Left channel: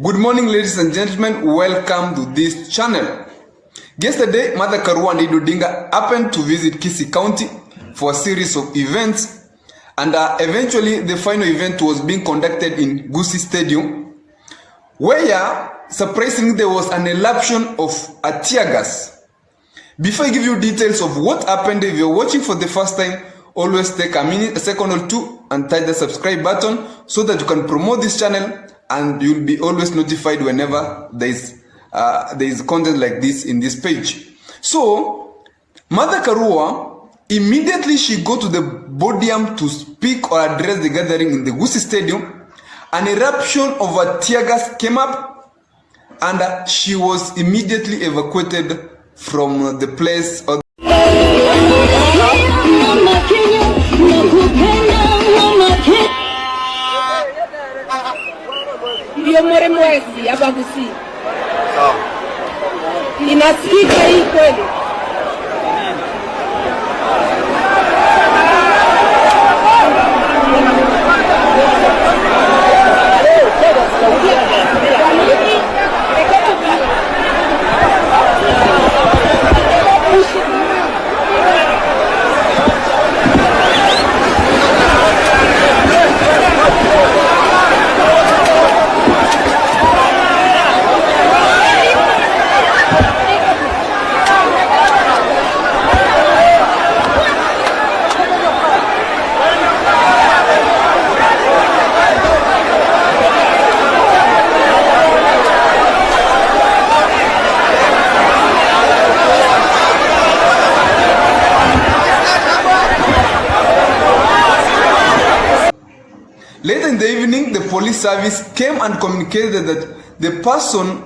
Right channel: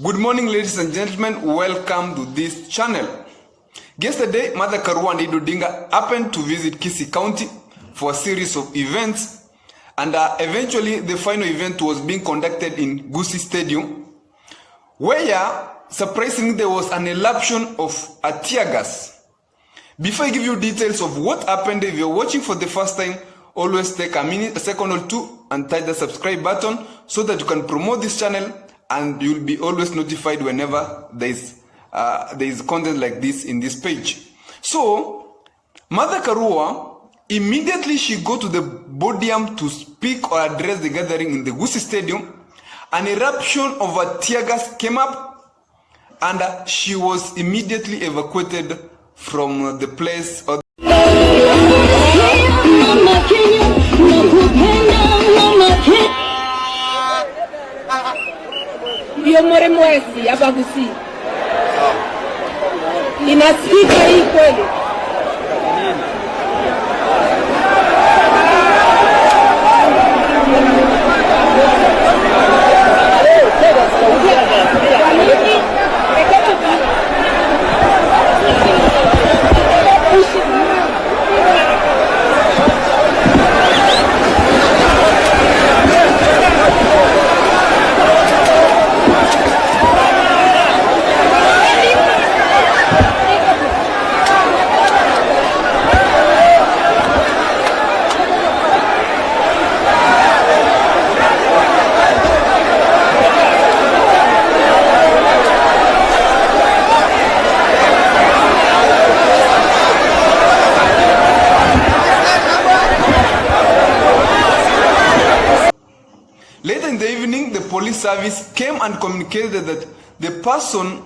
Good morning, ladies and gentlemen. Welcome to this channel. Yesterday, Martha Karua Event happened to visit Gusii County for a series of events, and eventually the final event was being conducted in Gusii Stadium, where surprisingly there was an eruption of a tear gas. Before I give you details of what happened, if you're watching for the first time, always take a second or two and touch the subscribe button so that you can promote this channel and you'll be always notified whenever there is content like this in this page. So, Martha Karua, immediately she go to the podium to speak or address the gathering in the Gusii Stadium. An eruption of a tear gas came up and she was immediately evacuated from the place. Ndio mwezi hapa Gusii. Inasikika hii kweli? Later in the evening, the police service came and communicated that the person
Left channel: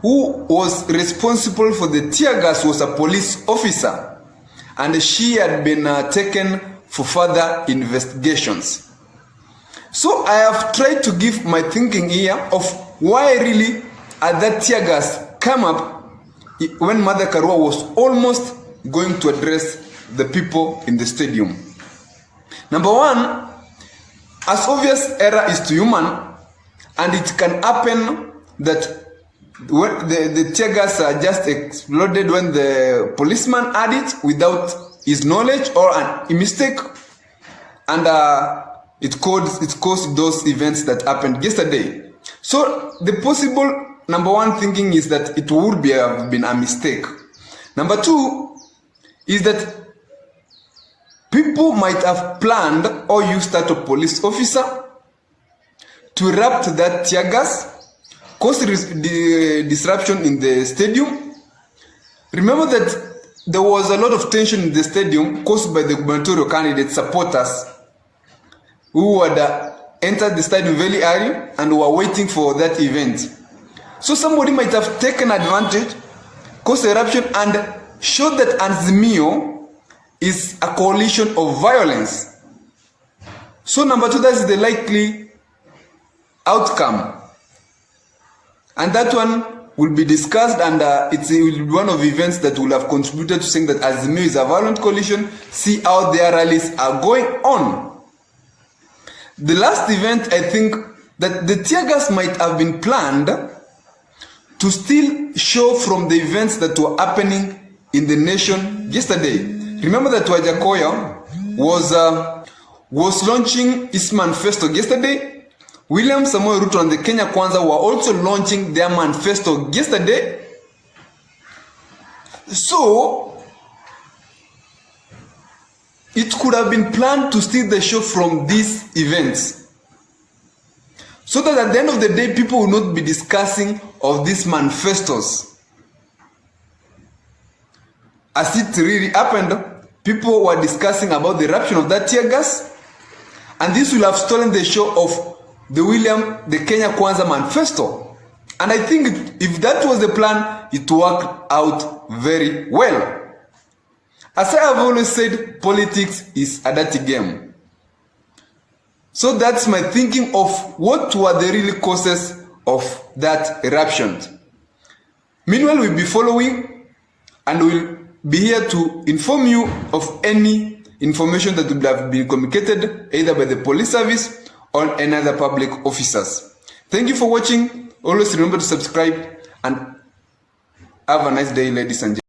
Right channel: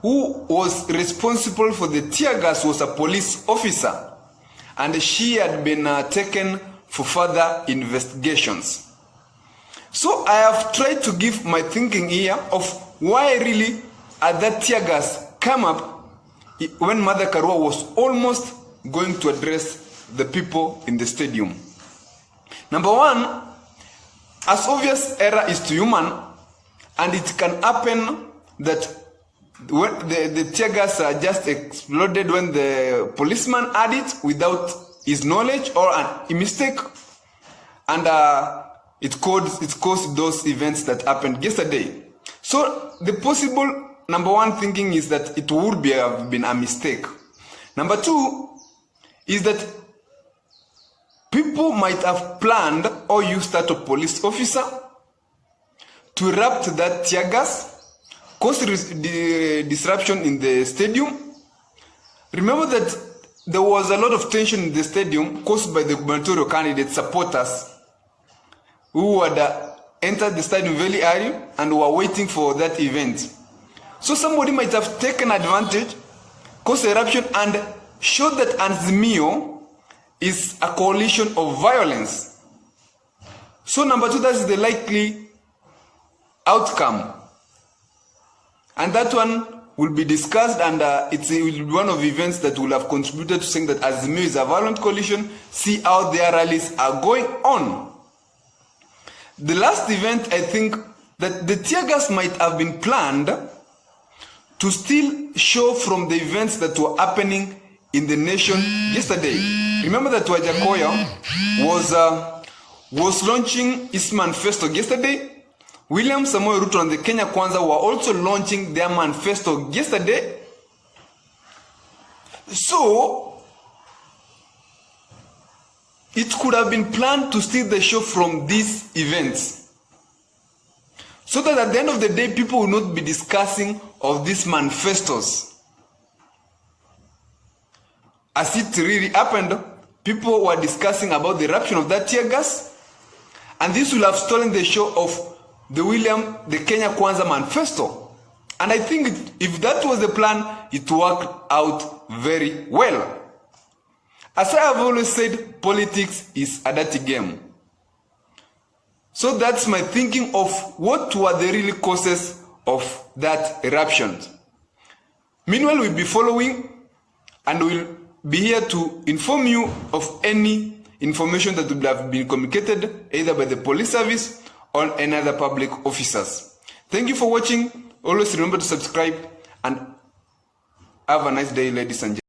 who was responsible for the tear gas was a police officer, and she had been taken for further investigations. So I have tried to give my thinking here of why really that tear gas came up when Martha Karua was almost going to address the people in the stadium. Number one, as obvious error is to human, and it can happen that when the tear gas just exploded when the policeman had it without his knowledge or a mistake, and it caused those events that happened yesterday. So the possible number one thinking is that it would have been a mistake. Number two is that people might have planned or used that a police officer to erupt that tear gas, cause the disruption in the stadium. Remember that there was a lot of tension in the stadium caused by the gubernatorial candidate supporters who had entered the stadium very early and were waiting for that event. So somebody might have taken advantage, caused the eruption, and showed that Azimio is a coalition of violence. So number two, that's the likely outcome. And that one will be discussed, and it will be one of the events that will have contributed to saying that Azimio is a violent coalition. See how their rallies are going on. The last event, I think that the tear gas might have been planned to still show from the events that were happening in the nation yesterday. Remember that Wajakoya was launching his manifesto yesterday. William Samoei Ruto and the Kenya Kwanza were also launching their manifesto yesterday. So it could have been planned to steal the show from these events, so that at the end of the day, people will not be discussing of these manifestos. As it really happened, people were discussing about the eruption of that tear gas, and this will have stolen the show of the Kenya Kwanza manifesto. And I think if that was the plan, it worked out very well. As I have always said, politics is a dirty game. So that's my thinking of what were the real causes of that eruption. Meanwhile, we'll be following and we'll be here to inform you of any information that would have been communicated either by the police service or any other public officers. Thank you for watching. Always remember to subscribe and have a nice day, ladies and gentlemen.